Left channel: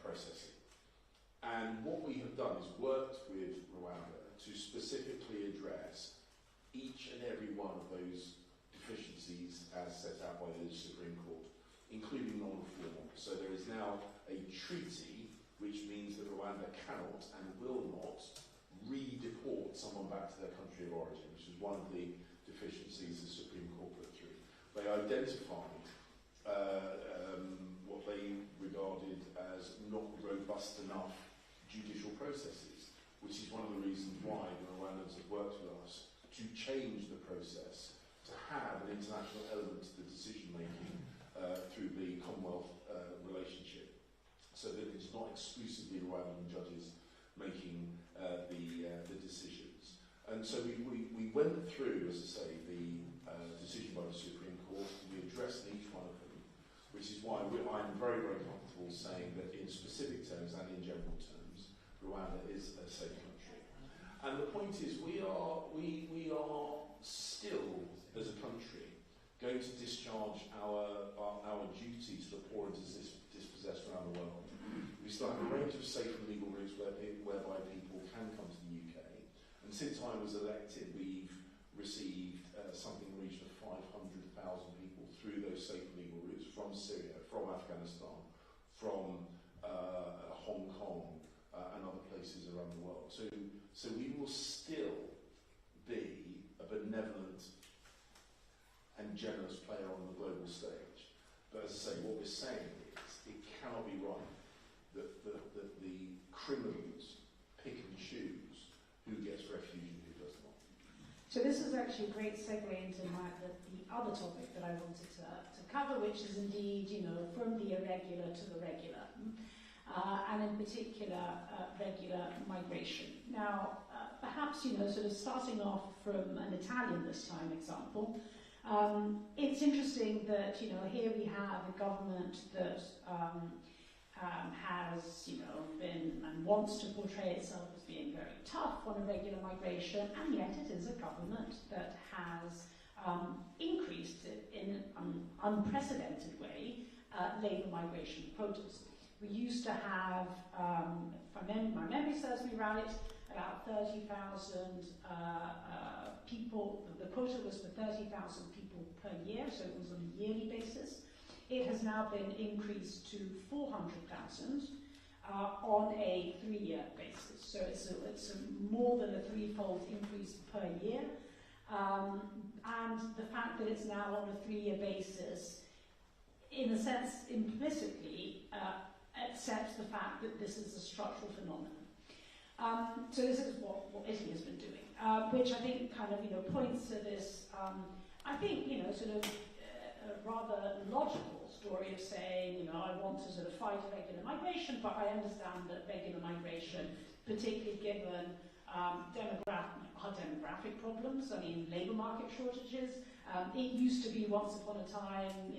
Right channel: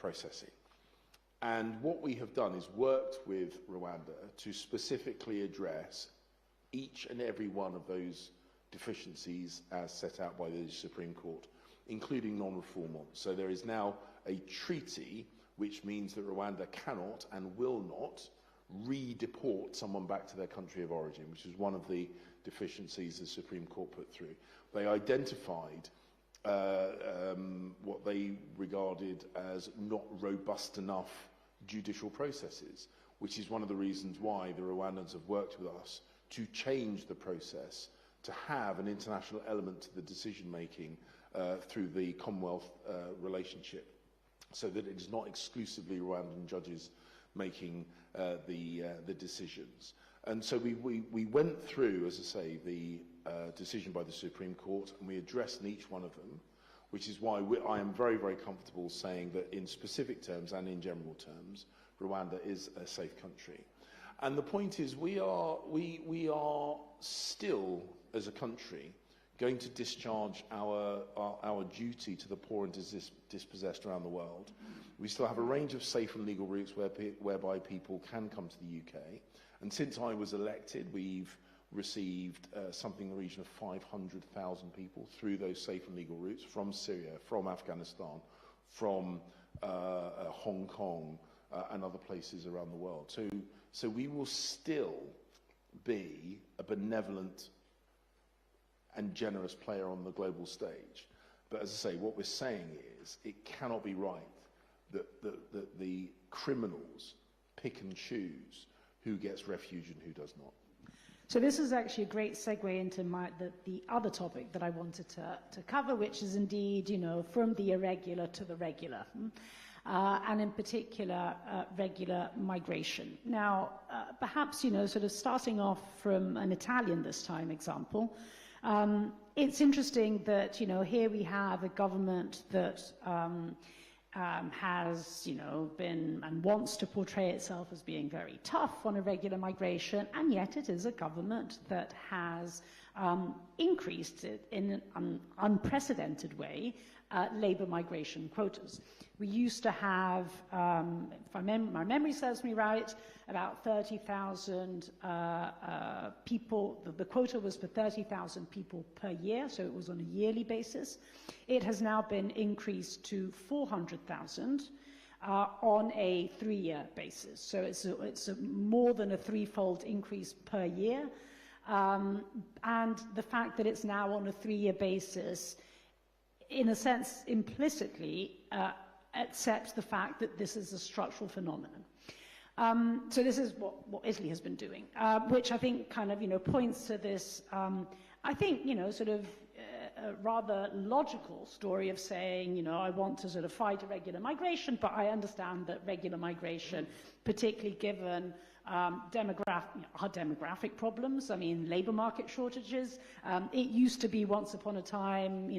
processing. And what we have done is worked with Rwanda to specifically address each and every one of those deficiencies as set out by the Supreme Court, including non-reform ones. So there is now a treaty which means that Rwanda cannot and will not redeport someone back to their country of origin, which is one of the deficiencies the Supreme Court put through. They identified what they regarded as not robust enough judicial processes, which is one of the reasons why the Rwandans have worked with us to change the process to have an international element to the decision-making through the Commonwealth relationship, so that it is not exclusively Rwandan judges making the decisions. And so we went through, as I say, the decision by the Supreme Court, and we addressed in each one of them, which is why I am very, very comfortable saying that in specific terms and in general terms, Rwanda is a safe country. And the point is, we are still, as a country, going to discharge our duty to the poor and dispossessed around the world. We still have a range of safe and legal routes whereby people can come to the UK. And since I was elected, we've received something in the region of 500,000 people through those safe and legal routes from Syria, from Afghanistan, from Hong Kong, and other places around the world. So we will still be a benevolent and generous player on the global stage. But as I say, what we're saying is it cannot be right that the criminals pick and choose who gets refuge and who does not. So this is actually a great segue into the other topic that I wanted to cover, which is indeed, from the irregular to the regular. And in particular, regular migration. Now, perhaps, sort of starting off from an Italian this time example, it's interesting that, here we have a government that has, been and wants to portray itself as being very tough on irregular migration, and yet it is a government that has increased it in an unprecedented way labour migration quotas. We used to have, if my memory serves me right, about 30,000 people. The quota was for 30,000 people per year, so it was on a yearly basis. It has now been increased to 400,000 on a 3-year basis. So it's more than a threefold increase per year. And the fact that it's now on a 3-year basis, in a sense, implicitly, accepts the fact that this is a structural phenomenon. So this is what Italy has been doing, which I think kind of, points to this, I think, sort of a rather logical story of saying, I want to sort of fight irregular migration, but I understand that regular migration, particularly given our demographic problems, labour market shortages. It used to be once upon a time,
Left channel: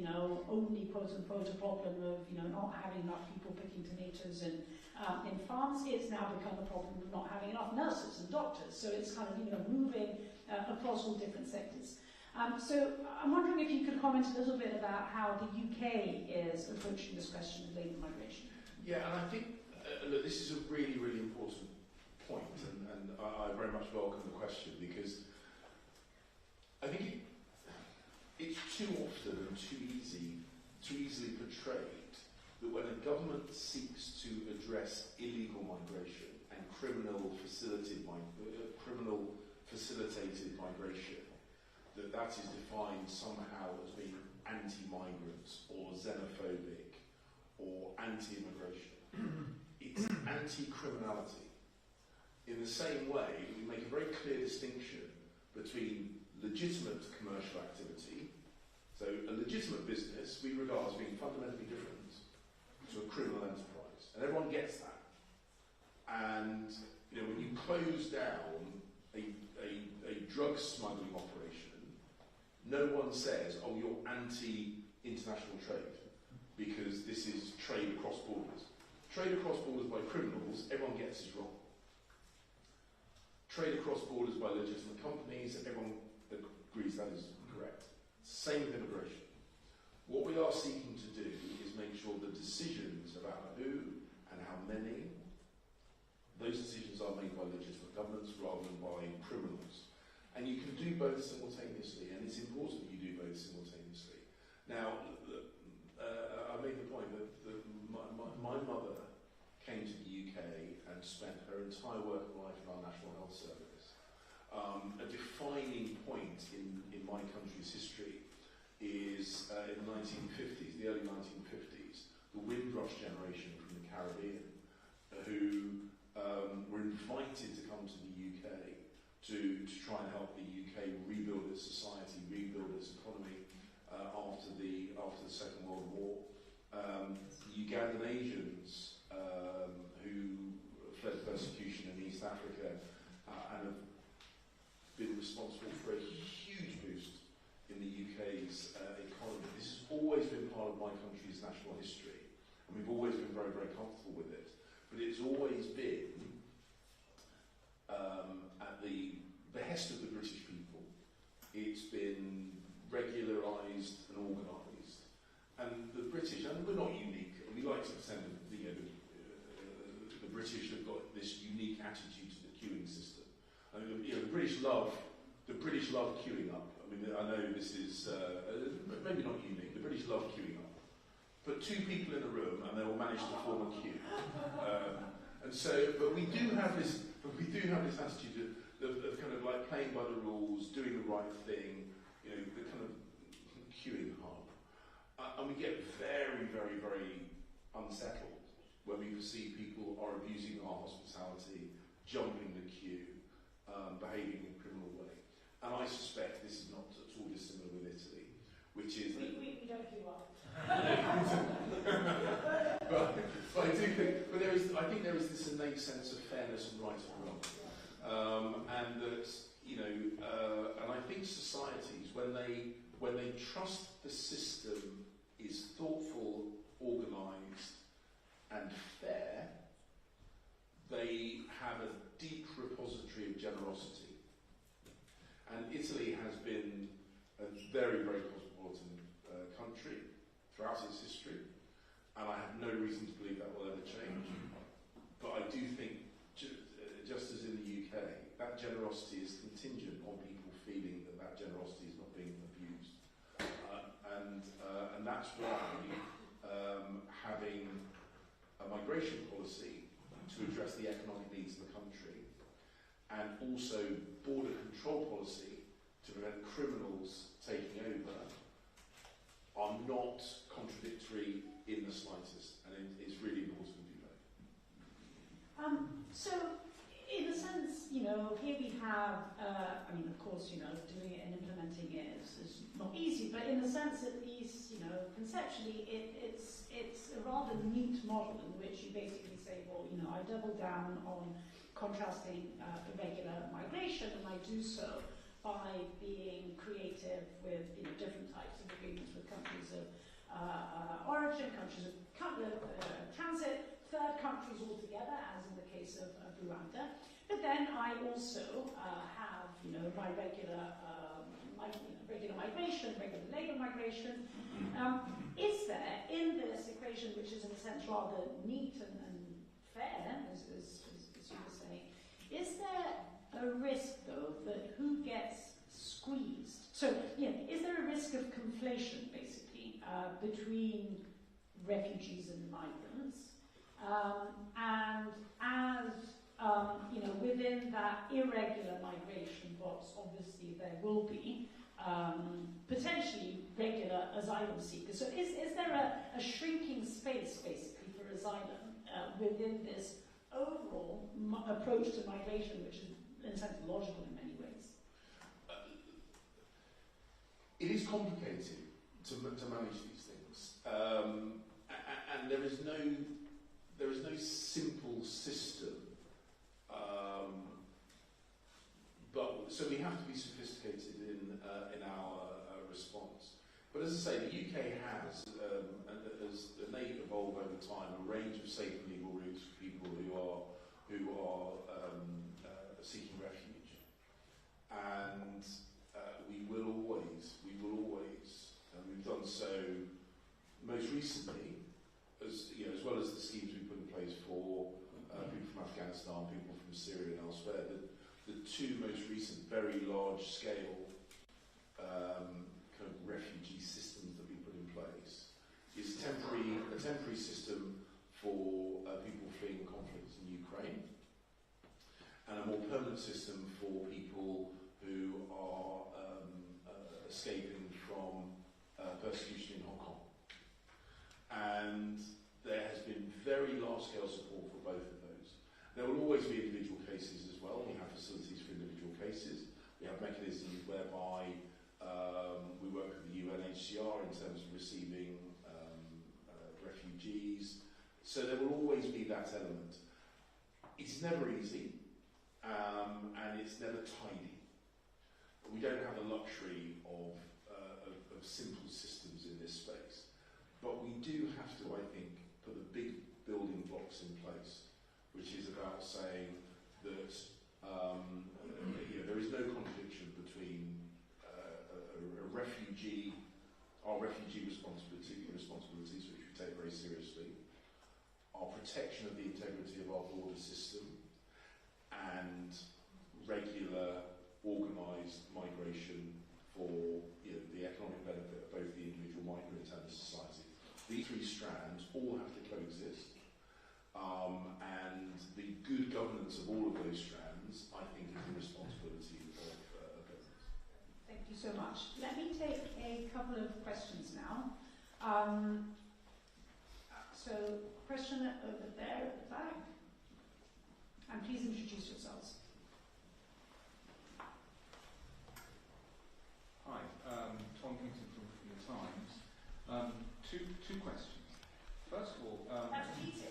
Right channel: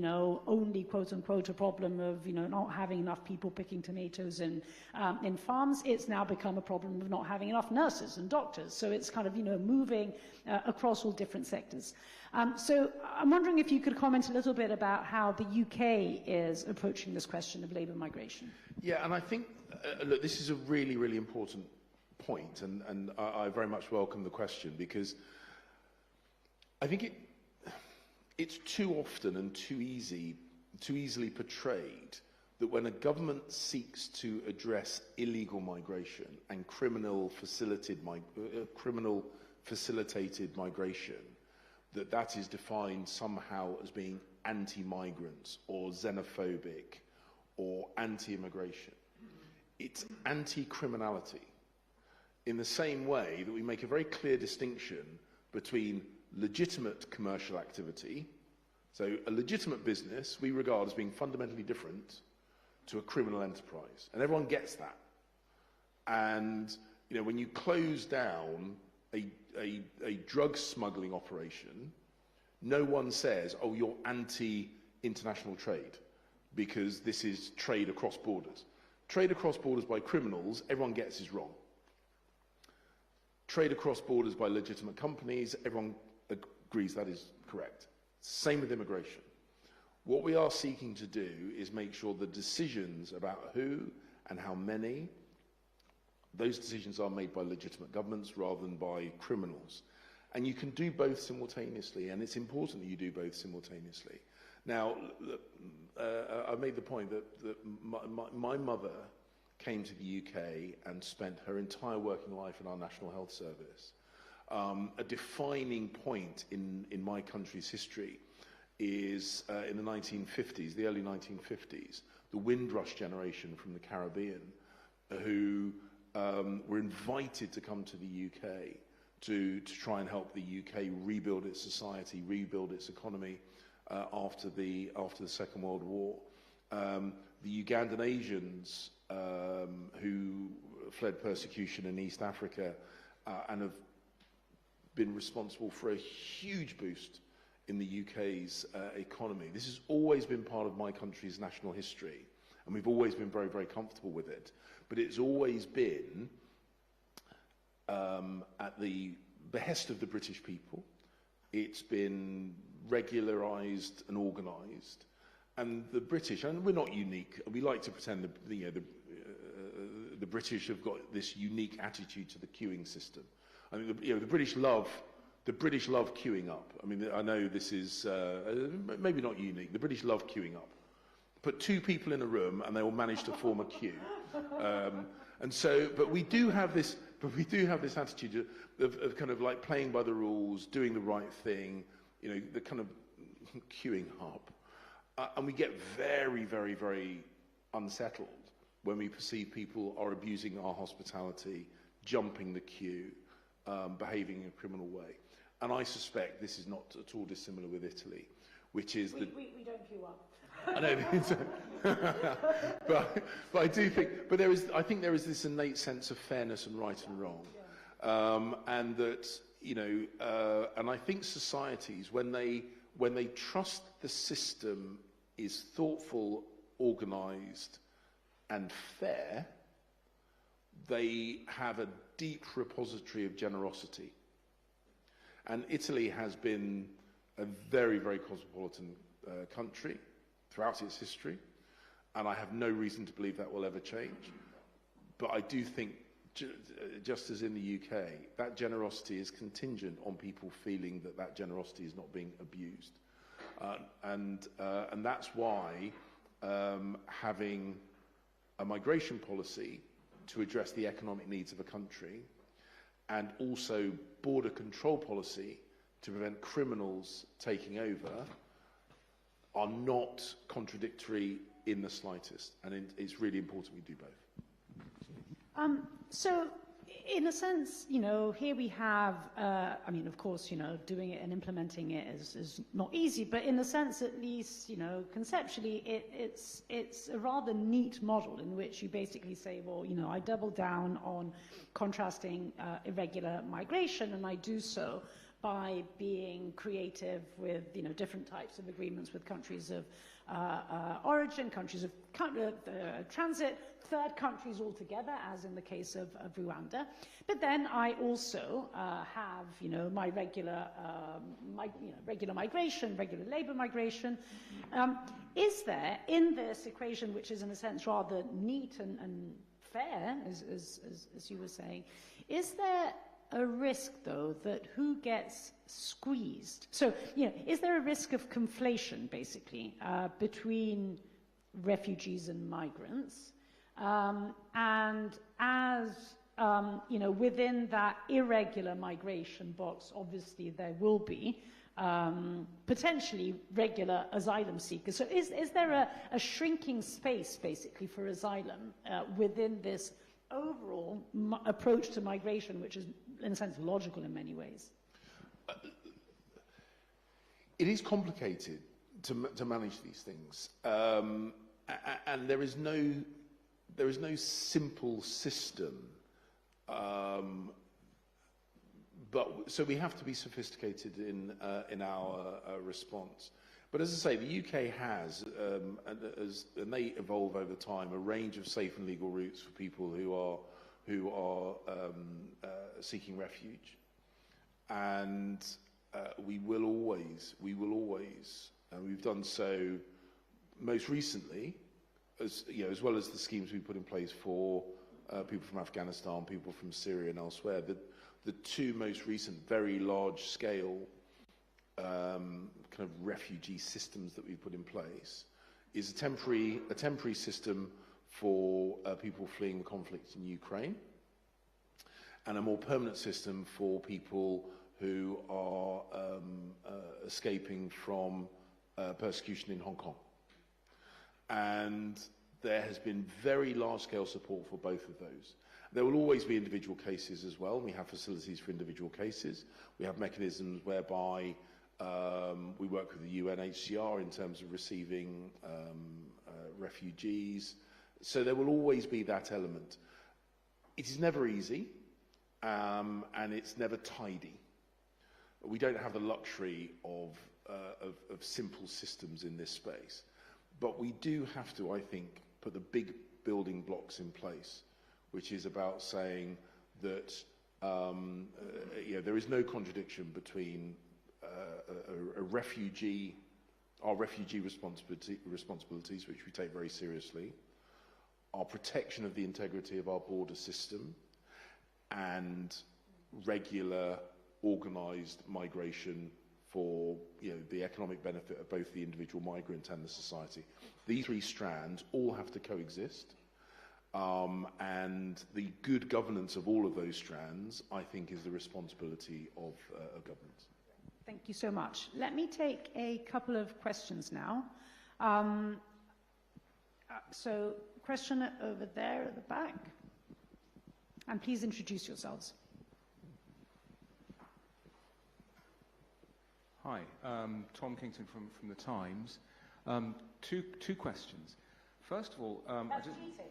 only quote unquote a problem of, not having enough people picking tomatoes in farms. It's now become a problem of not having enough nurses and doctors. So it's kind of, moving across all different sectors. So I'm wondering if you could comment a little bit about how the UK is approaching this question of labour migration. Yeah, and I think, look, this is a really, really important point, and I very much welcome the question, because I think it's too often and too easily portrayed that when a government seeks to address illegal migration and criminal facilitated migration, that is defined somehow as being anti-migrant or xenophobic or anti-immigration. It's anti-criminality, in the same way that we make a very clear distinction between legitimate commercial activity. So a legitimate business we regard as being fundamentally different to a criminal enterprise, and everyone gets that. And when you close down a drug smuggling operation, no one says, oh, you're anti-international trade, because this is trade across borders. Trade across borders by criminals, everyone gets is wrong. Trade across borders by legitimate companies, everyone agrees that is correct. Same with immigration. What we are seeking to do is make sure the decisions about who and how many, those decisions are made by legitimate governments rather than by criminals. And you can do both simultaneously, and it's important that you do both simultaneously. Now, I made the point that my mother came to the UK and spent her entire working life in our National Health Service. A defining point in my country's history is in the 1950s, the early 1950s, the Windrush generation from the Caribbean, who were invited to come to the UK to try and help the UK rebuild its society, rebuild its economy after the Second World War. The Ugandan Asians who fled persecution in East Africa and have been responsible for a huge boost in the UK's economy. This has always been part of my country's national history, and we've always been very, very comfortable with it. But it's always been at the behest of the British people. It's been regularised and organised, and the British, and we're not unique, and we like to pretend that the British have got this unique attitude to the queuing system. I mean, the British love queuing up. I mean, I know this is maybe not unique. The British love queuing up. Put two people in a room, and they will manage to form a queue. And so, but we do have this attitude of kind of like playing by the rules, doing the right thing. You know, the kind of queuing hub, and we get very, very, very unsettled when we perceive people are abusing our hospitality, jumping the queue, behaving in a criminal way. And I suspect this is not at all dissimilar with Italy, which is we don't queue up. but I do think, I think there is this innate sense of fairness and right and wrong, and that and I think societies, when they trust the system is thoughtful, organised, and fair, they have a deep repository of generosity. And Italy has been a very, very cosmopolitan country throughout its history, and I have no reason to believe that will ever change. But I do think, just as in the UK, that generosity is contingent on people feeling that that generosity is not being abused. And that's why having a migration policy to address the economic needs of a country, and also border control policy to prevent criminals taking over, are not contradictory in the slightest, and it's really important we do both. So, in a sense, here we have, I mean, of course, doing it and implementing it is not easy, but in a sense, at least, conceptually, it's a rather neat model in which you basically say, well, I double down on contrasting irregular migration, and I do so by being creative with, different types of agreements with countries of origin, countries of transit, third countries altogether, as in the case of Rwanda. But then I also have, my regular migration, regular labour migration. Is there, in this equation, which is in a sense rather neat and fair, as you were saying, is there a risk, though, that who gets squeezed? So, is there a risk of conflation, basically, between refugees and migrants? And as, within that irregular migration box, obviously there will be potentially regular asylum seekers. So is there a shrinking space, basically, for asylum within this overall approach to migration, which is, in a sense, logical in many ways? It is complicated to manage these things, and there is no simple system. But so we have to be sophisticated in our response. But as I say, the UK has, and they evolve over time, a range of safe and legal routes for people who are seeking refuge, and we will always, and we've done so most recently as well as the schemes we put in place for people from Afghanistan, people from Syria and elsewhere, the two most recent very large-scale kind of refugee systems that we put in place is a temporary system for people fleeing conflict in Ukraine, and a more permanent system for people who are escaping from persecution in Hong Kong. And there has been very large-scale support for both of those. There will always be individual cases as well. We have facilities for individual cases. We have mechanisms whereby we work with the UNHCR in terms of receiving refugees. So there will always be that element. It is never easy, and it's never tidy. We don't have the luxury of simple systems in this space. But we do have to, I think, put the big building blocks in place, which is about saying that there is no contradiction between a refugee, our refugee responsibilities, which we take very seriously, our protection of the integrity of our border system, and regular organised migration for the economic benefit of both the individual migrant and the society. These three strands all have to coexist, and the good governance of all of those strands, I think, is the responsibility of governments. Thank you so much. Let me take a couple of questions now. So, question over there at the back, and please introduce yourselves. Hi, Tom Kingston from The Times. Two questions. First of all, That's cheating.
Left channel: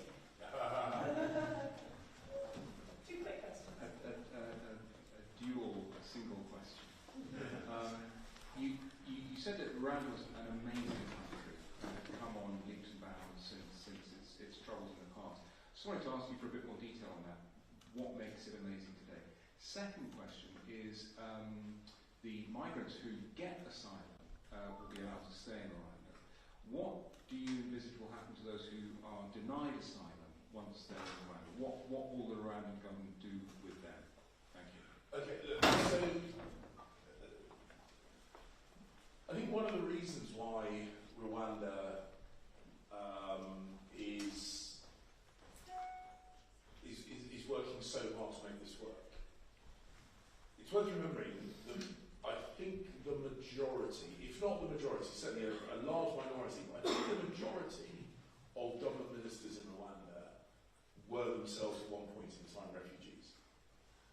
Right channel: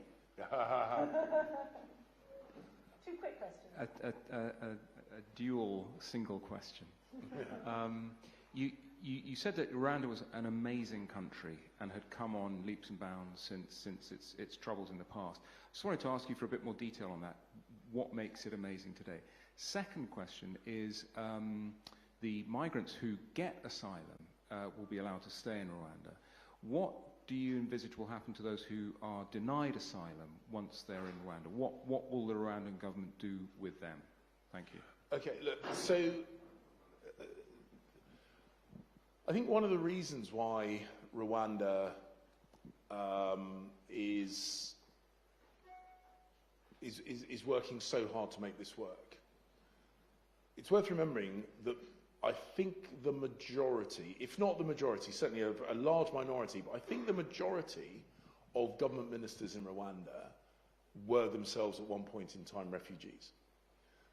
Two quick questions. a dual single question. You said that Rwanda was an amazing country and had come on leaps and bounds since its troubles in the past. I just wanted to ask you for a bit more detail on that. What makes it amazing today? Second question is, the migrants who get asylum will be allowed to stay in Rwanda. What do you envisage will happen to those who are denied asylum once they're in Rwanda? What will the Rwandan government do with them? Thank you. Okay, look, so I think one of the reasons why Rwanda is working so hard to make this work, it's worth remembering that I think the majority, if not the majority, certainly a large minority, but I think the majority of government ministers in Rwanda were themselves at one point in time refugees.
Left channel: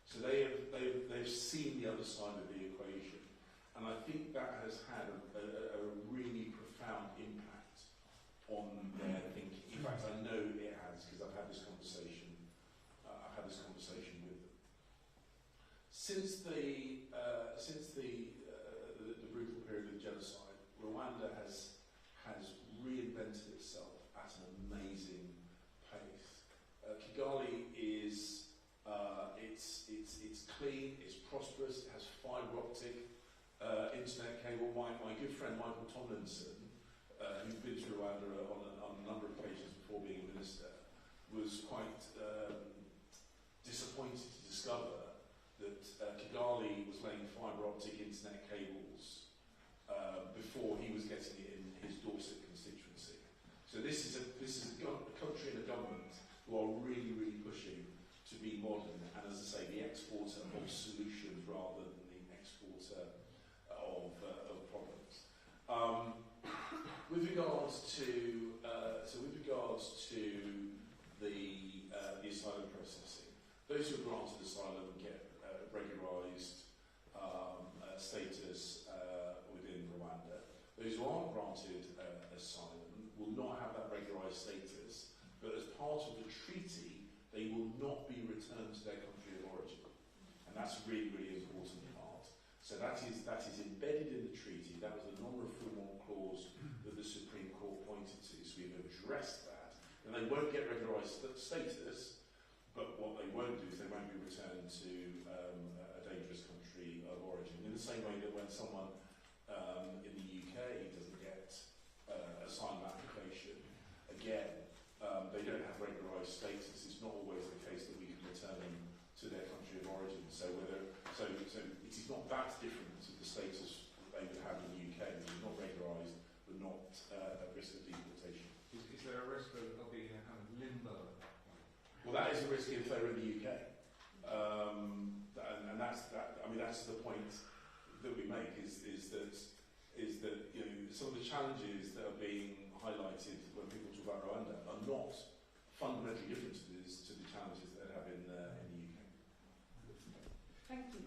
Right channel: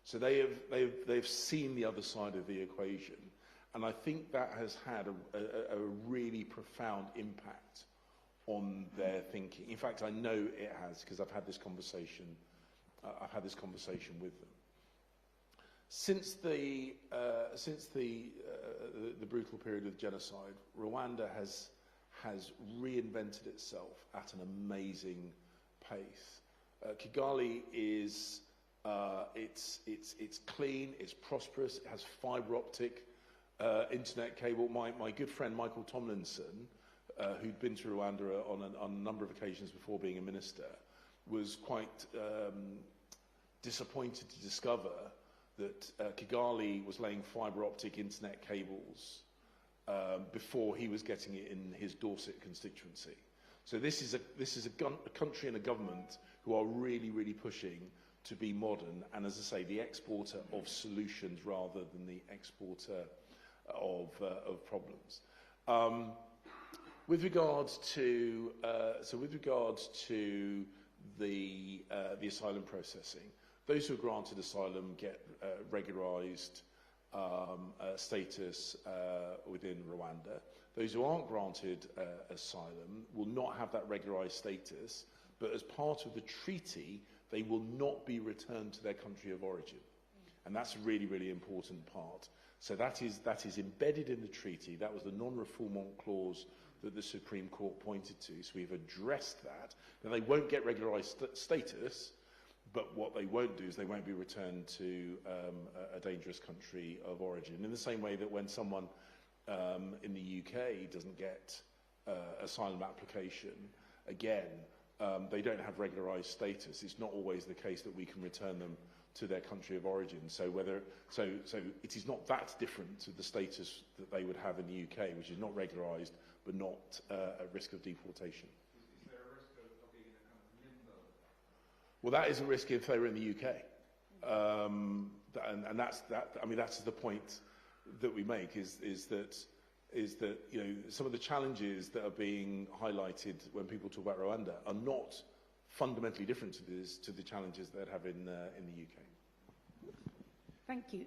So they've seen the other side of the equation, and I think that has had a really profound impact on their thinking. In fact, I know it has, because I've had this conversation. I've had this conversation with them. Since the brutal period of genocide, Rwanda has reinvented itself at an amazing pace. Kigali is it's clean, it's prosperous, it has fibre optic internet cable. My good friend Michael Tomlinson, who's been to Rwanda on a number of occasions before being a minister, was quite disappointed to discover that Kigali was laying fibre optic internet cables before he was getting it in his Dorset constituency. So this is a country and a government who are really, really pushing to be modern and, as I say, the exporter of solutions rather than the exporter of problems. With regards to the asylum processing, those who are granted asylum get regularised status within Rwanda. Those who aren't granted asylum will not have that regularised status, but as part of the treaty, they will not be returned to their country of origin. And that's a really, really important part. So that is embedded in the treaty. That was the non-refoulement clause that the Supreme Court pointed to. So we've addressed that. Now, they won't get regularised status, but what they won't do is they won't be returned to a dangerous country of origin. In the same way that when someone in the UK doesn't get asylum application, again, they don't have regularised status. It's not always the case that we can return them to their country of origin. So it is not that different to the status that they would have in the UK, which is not regularised but not at risk of deportation. Is there a risk that there'll be a kind of limbo? Well, that is a risk if they're in the UK, and that's that. I mean, that's the point that we make is that you know some of the challenges that are being highlighted when people talk about Rwanda are not fundamentally different to the challenges that they have in the UK. Thank you.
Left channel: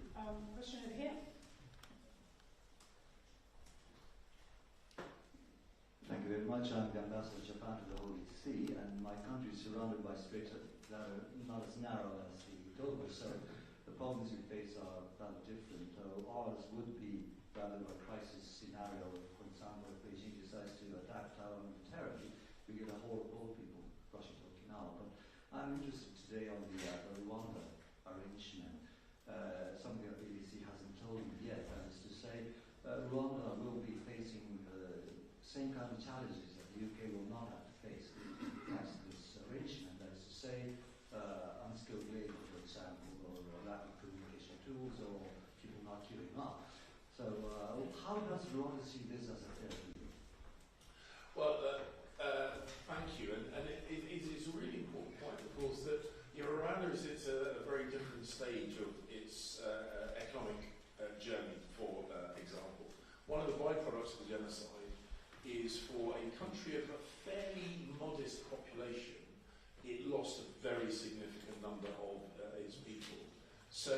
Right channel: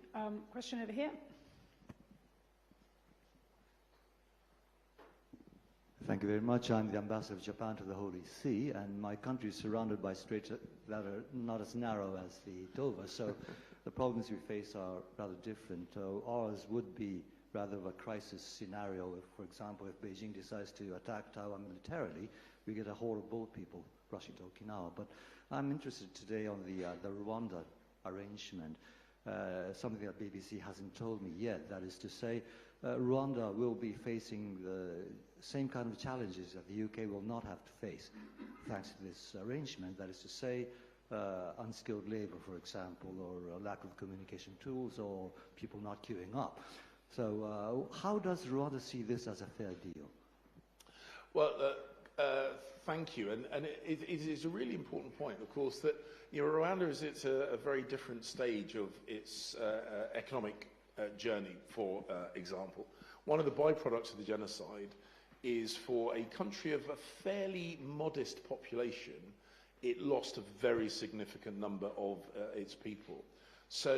Question over here. Thank you very much. I'm the ambassador of Japan to the Holy See, and my country is surrounded by straits that are not as narrow as the Dover, so the problems we face are rather different. Ours would be rather of a crisis scenario. If, for example, if Beijing decides to attack Taiwan militarily, we get a whole of both people rushing to Okinawa. But I'm interested today on the Rwanda arrangement, something that BBC hasn't told me yet. That is to say, Rwanda will be facing the same kind of challenges that the UK will not have to face thanks to this arrangement. That is to say, unskilled labour, for example, or lack of communication tools, or people not queuing up. So how does Rwanda see this as a fair deal? Well, thank you. And it is a really important point, of course, that you know, Rwanda is at a very different stage of its economic journey, for example. One of the byproducts of the genocide is for a country of a fairly modest population, it lost a very significant number of its people. So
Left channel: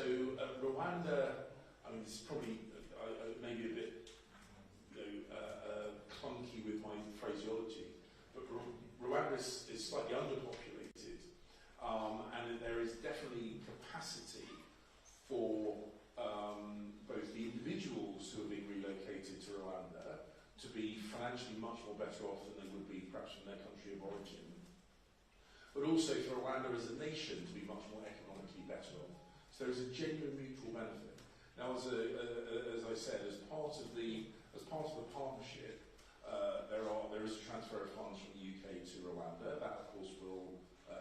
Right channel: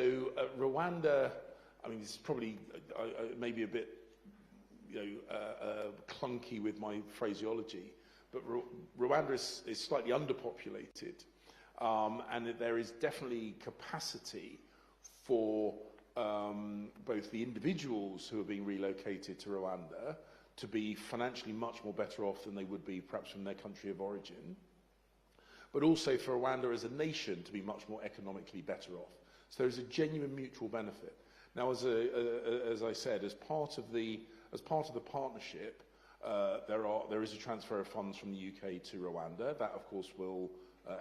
Rwanda, I mean, this is probably maybe a bit clunky with my phraseology, but Rwanda is slightly underpopulated, and there is definitely capacity for both the individuals who are being relocated to Rwanda to be financially much more better off than they would be perhaps from their country of origin, but also for Rwanda as a nation to be much more economically better off. So there is a genuine mutual benefit. Now, as I said, as part of the partnership, there is a transfer of funds from the UK to Rwanda. That, of course, will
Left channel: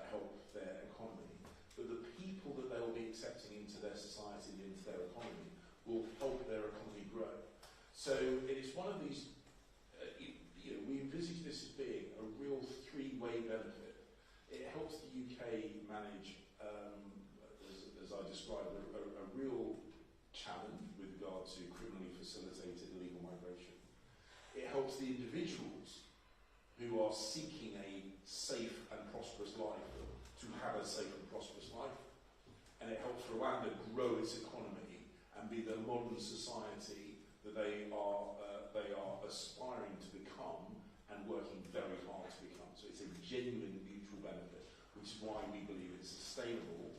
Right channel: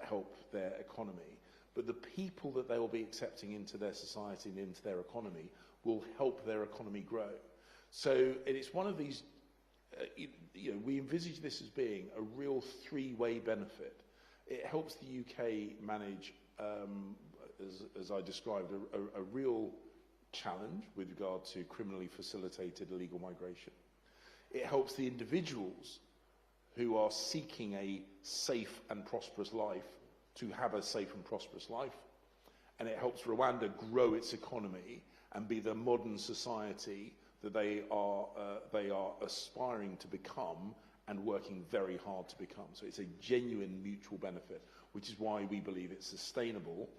help their economy. But the people that they will be accepting into their society and into their economy will help their economy grow. So it's one of these. We envisage this as being a real three-way benefit. It helps the UK manage, as I described, a real challenge with regard to criminally facilitated illegal migration. It helps the individuals who are seeking a safe and prosperous life to have a safe and prosperous life. And it helps Rwanda grow its economy and be the modern society that they are aspiring to become and working very hard to become. So it's a genuine mutual benefit, which is why we believe it's sustainable.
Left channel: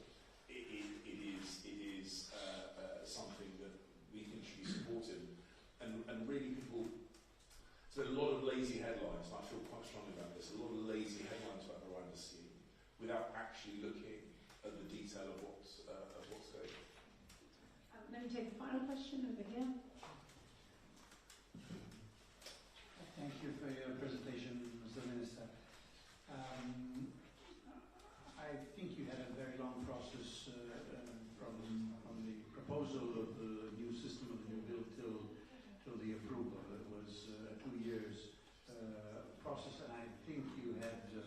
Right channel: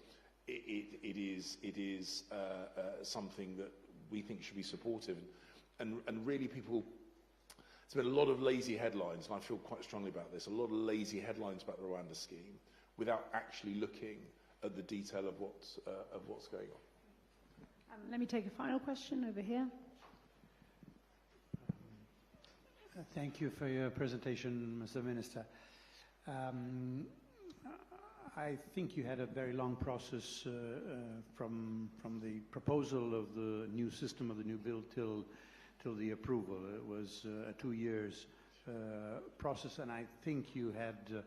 It is something that we think should be supported. And really people, there's been a lot of lazy headlines, and I feel quite strongly about this, a lot of lazy headlines about the Rwanda scheme without actually looking at the detail of what's going on. Let me take a final question over here. Thank you for your presentation, Mr. Minister. I think you had a very long process from the proposal of the new system of the new bill till the approval. It was a 2 years process, and I think you had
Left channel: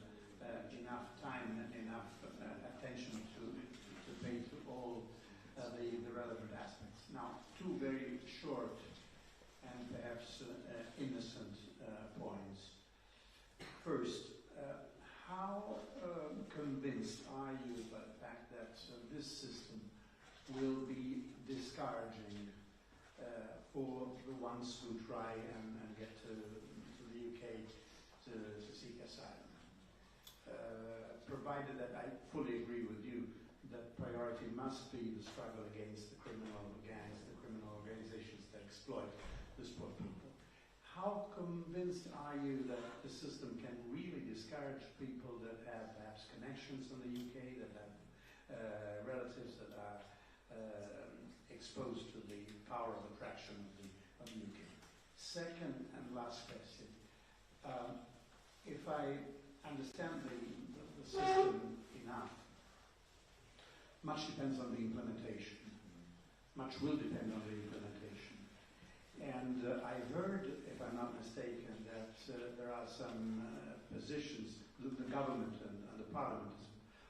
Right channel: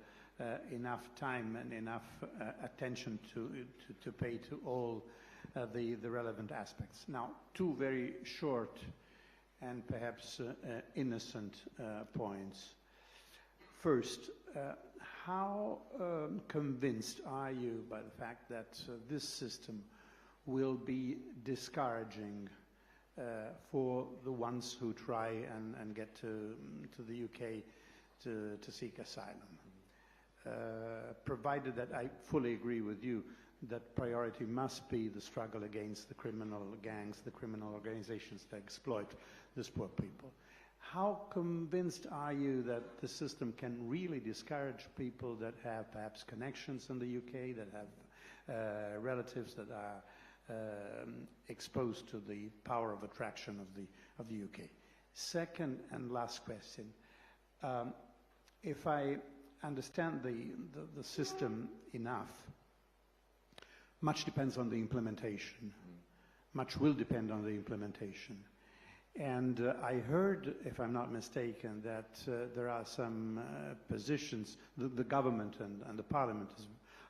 enough time and enough attention to pay to all the relevant aspects. Now, two very short and perhaps innocent points. First, how convinced are you by the fact that this system will be discouraging for the ones who try and get to the UK to seek asylum? Provided that I fully agree with you that priority must be the struggle against the criminal gangs, the criminal organizations that exploit these poor people. How convinced are you that the system can really discourage people that have perhaps connections in the UK, that have relatives that are exposed to the power of attraction of the UK? Second and last question. If I understand the system enough, much depends on the implementation. Much will depend on the implementation. And I heard, if I'm not mistaken, that there are some positions, the government and the parliament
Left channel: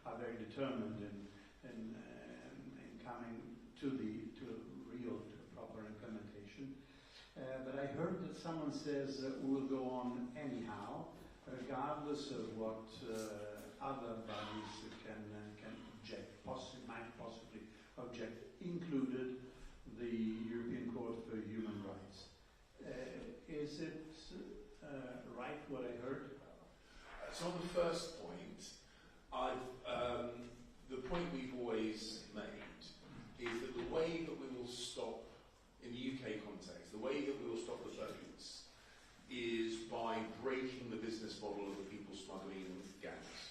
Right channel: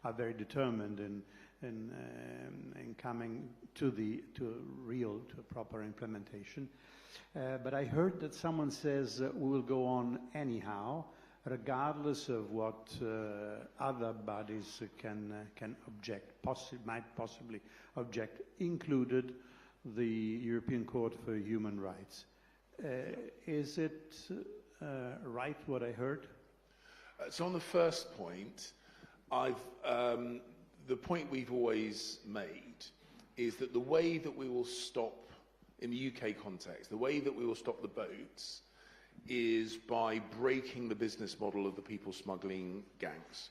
are very determined in coming to a proper implementation. But I heard that someone says we will go on anyhow, regardless of what other bodies can object, might possibly object, included the European Court for Human Rights. Is it right what I heard? So on the first point, the point we've always made is that the way that we will stop, in the UK context, the way that we will stop the boats is by breaking the business model of the people smuggling gangs.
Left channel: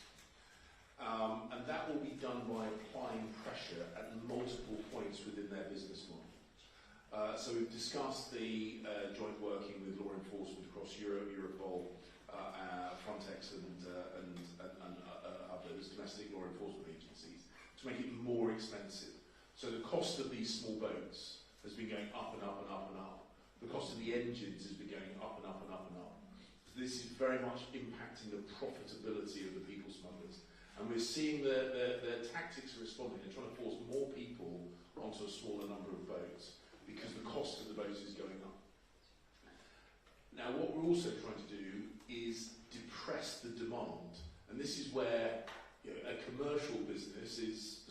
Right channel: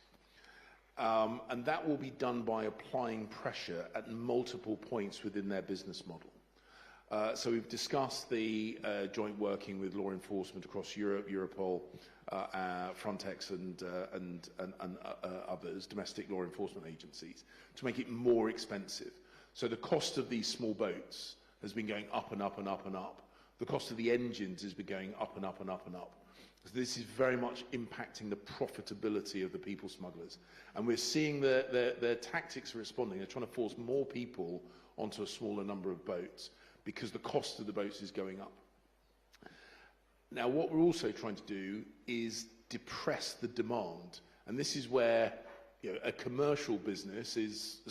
And that will be done by applying pressure at multiple points within their business model. So we've discussed the joint working with law enforcement across Europe, Europol, Frontex and others, domestic law enforcement agencies, to make it more expensive. So the cost of these small boats has been going up and up and up and up. The cost of the engines has been going up and up and up and up. So this is very much impacting the profitability of the people smugglers. And we're seeing their tactics are responding. They're trying to force more people onto a smaller number of boats because the cost of the boats is going up. Now, what we're also trying to do is depress the demand. And this is where a commercial business is,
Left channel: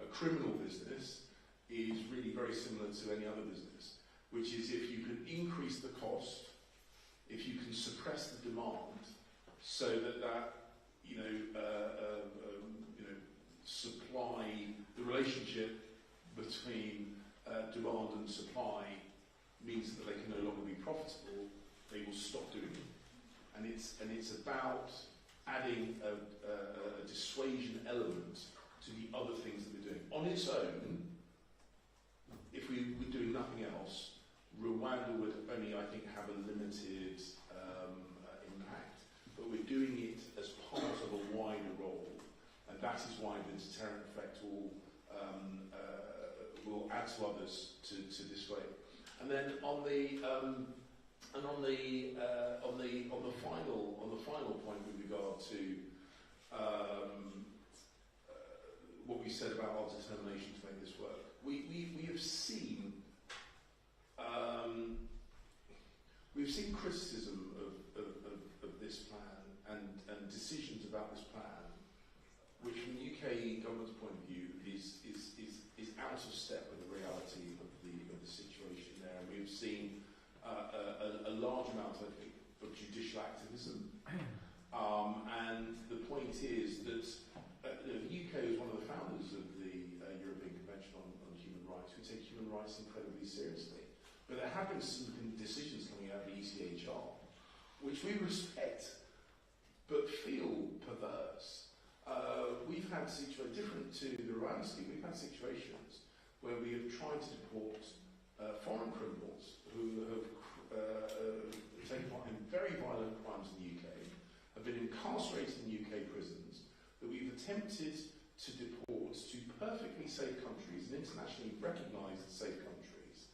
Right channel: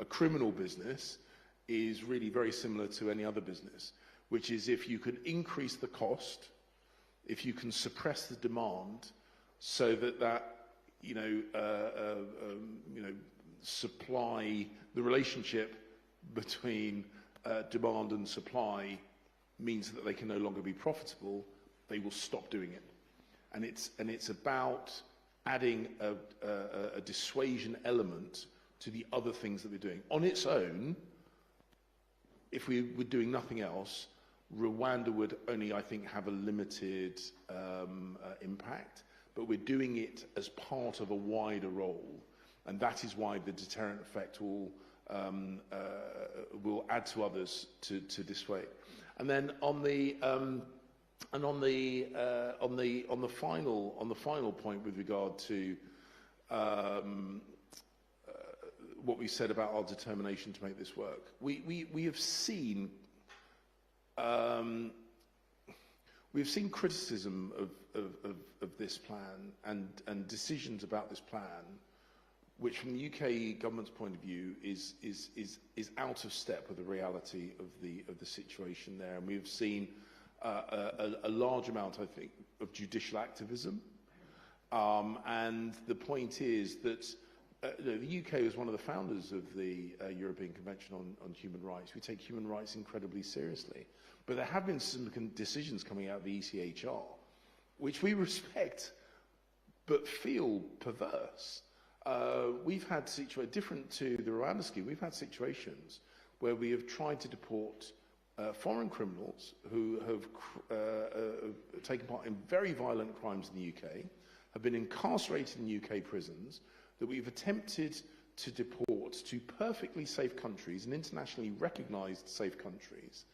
a criminal business is really very similar to any other business, which is if you can increase the cost, if you can suppress the demand so that supply, the relationship between demand and supply means that they can no longer be profitable, they will stop doing it. And it's about adding a dissuasion element to the other things that we're doing. On its own, if we were doing nothing else, Rwanda would only, I think, have a limited impact, but we're doing it as part of a wider role, and that is why the deterrent effect will add to others to dissuade. And then on the final point with regard to what we said about our determination to make this work, we have seen criticism of this plan and decisions about this plan, which from the UK government's point of view is out of step with the reality of the situation there. And we've seen a large amount, I think, of judicial activism. And the point is that the UK was one of the founders of the European Convention on Human Rights. We take human rights incredibly seriously. But there have been some decisions coming out of the ECHR, which we respect, but feel perverse. We've had situations, different to the Rwanda scheme, we've had situations where we have tried to deport foreign criminals who have taken part in very violent crimes in the UK, have been incarcerated in UK prisons, that we've attempted to deport to perfectly safe countries and internationally recognised safe countries.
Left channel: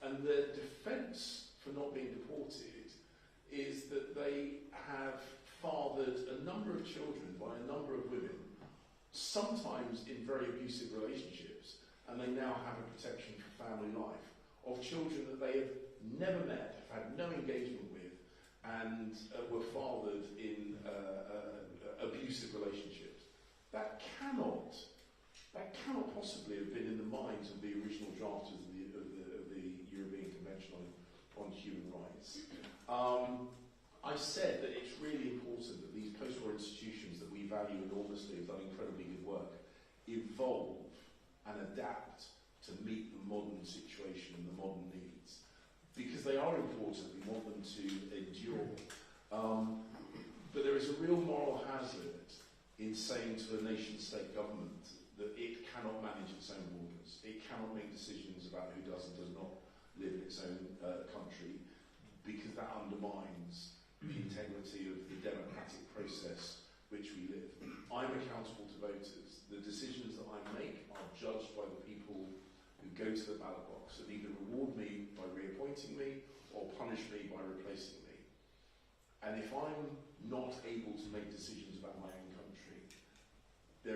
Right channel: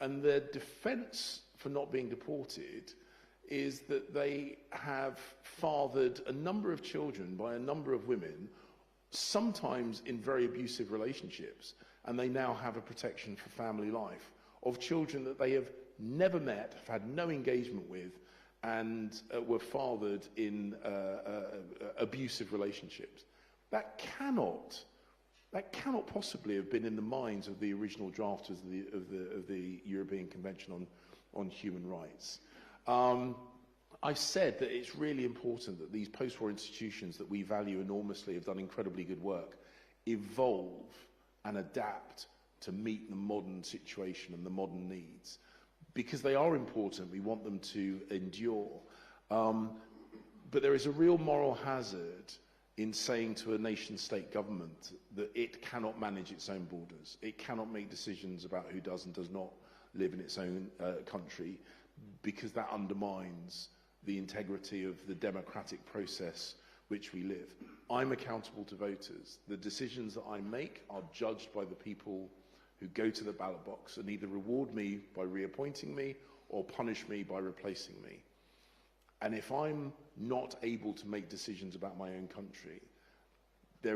And the defence for not being deported is that they have fathered a number of children by a number of women, sometimes in very abusive relationships, and they now have a protection for family life of children that they have never met, have had no engagement with, and were fathered in abusive relationships. That cannot possibly have been in the minds of the original drafters of the European Convention on Human Rights. I've said that it's really important that these post-war institutions that we value enormously, have done incredibly good work, evolve and adapt to meet the modern situation and the modern needs. Because they are important, we want them to endure. But there is a real moral hazard in saying to a nation-state government that it cannot manage its own borders. It cannot make decisions about who does and does not live in its own country, because that undermines the integrity of the democratic process which we live. I'm accountable to voters. The decisions that I make are judged by the people who go to the ballot box and either reward me by reappointing me or punish me by replacing me. And if I'm not able to make decisions about my own country, that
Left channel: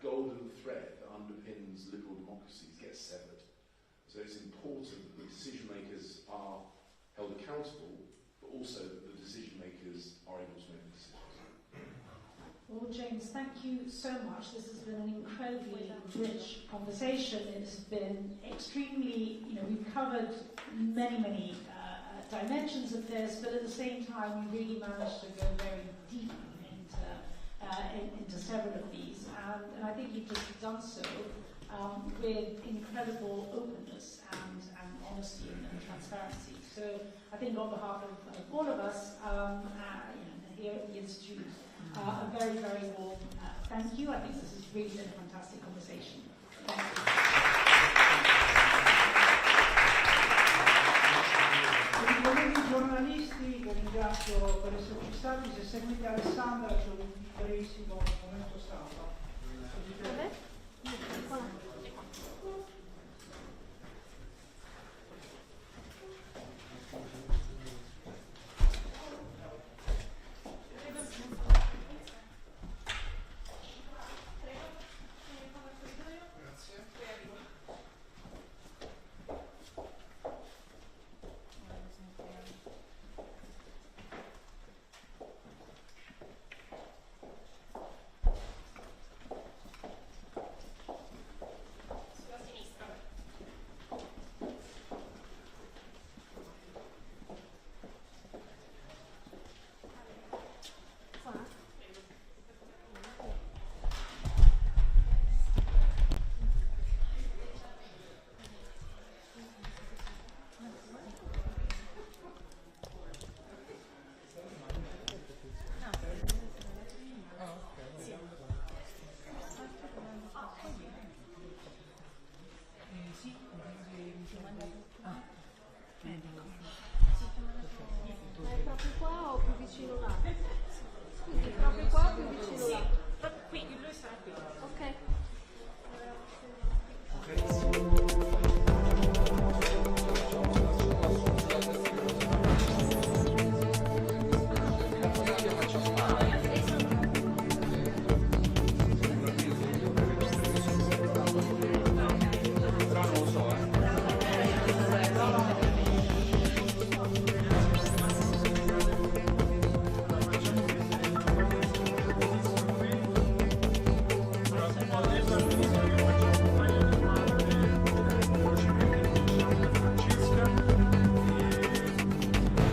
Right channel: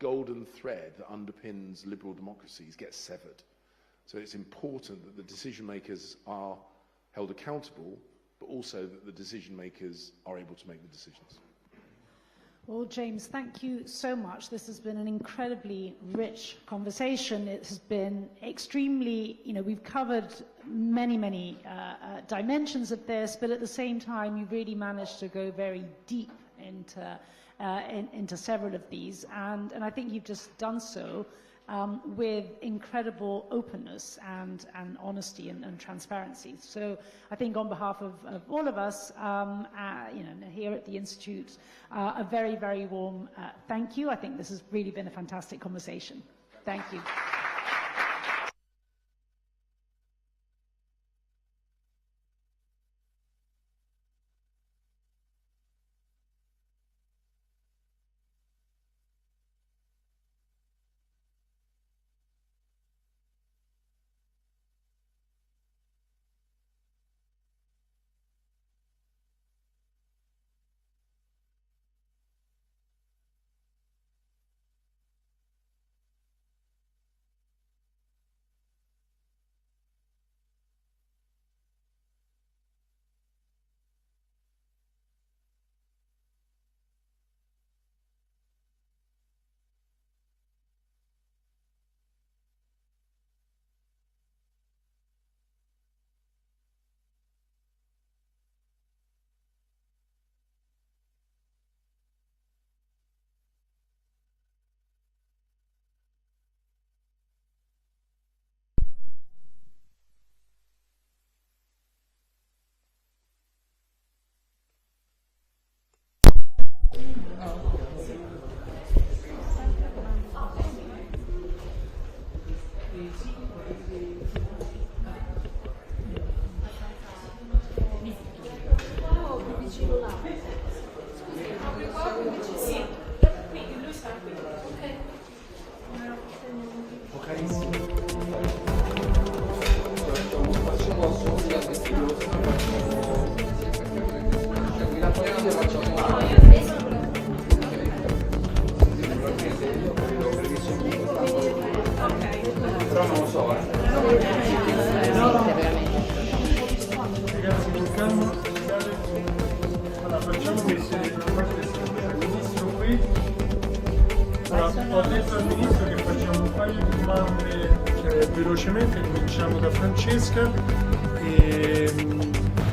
golden thread that underpins liberal democracies gets severed. So it's important that the decision makers are held accountable, but also that the decision makers are able to make the decisions. Well, James, thank you so much. This has been an incredibly rich conversation. It has been extremely, we've covered many dimensions of this, but at the same time, you really managed to go very deep into several of these. And I think you've just done so with incredible openness and honesty and transparency. So I think on behalf of all of us, here at the Institute, a very, very warm thank you. I think this has really been a fantastic conversation. Thank you. Colleghi giornalisti, vi ringrazio per esserci stati. Se seguite Alessandra c'è un brevissimo momento stampa.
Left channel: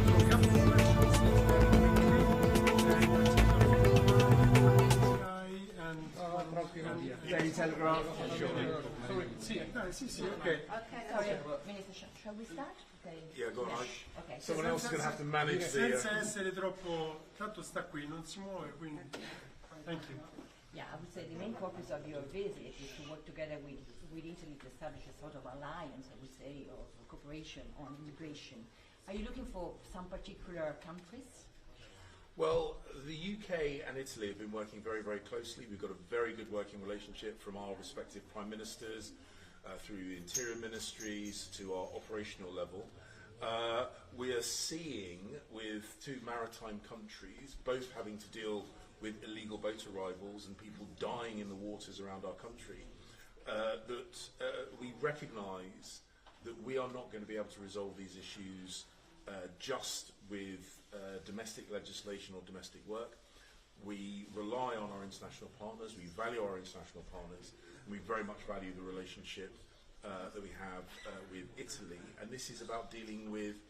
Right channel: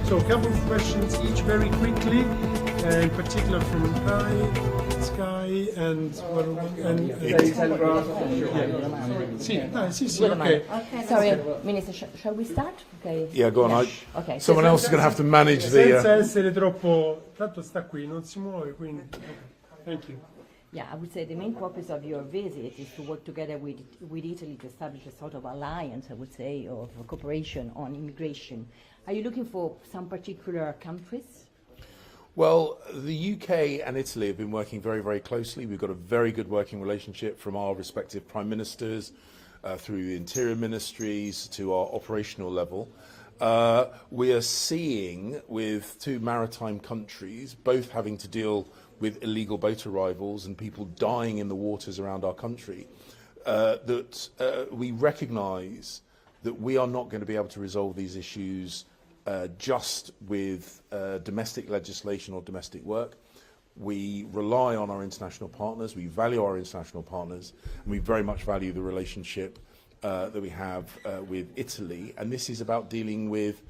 So a couple of questions each very quickly, in particular from Sky and okay. Sorry, Minister, shall we start? Okay. Yeah, go on. Okay. Someone else is going to have to manage Senza essere troppo, tanto sta qui, non si muove, quindi. Thank you. Yeah, I would say the main purpose of your visit is to work together with Italy to establish a sort of alliance, I would say, of cooperation on immigration. Are you looking for some particular countries? Well, the UK and Italy have been working very, very closely. We've got a very good working relationship from our respective prime ministers through the interior ministries to our operational level. We are seeing with two maritime countries, both having to deal with illegal boat arrivals and people dying in the waters around our country, that we recognise that we are not going to be able to resolve these issues just with domestic legislation or domestic work. We rely on our international partners, we value our international partners, and we very much value the relationship that we have with Italy. And this is about dealing with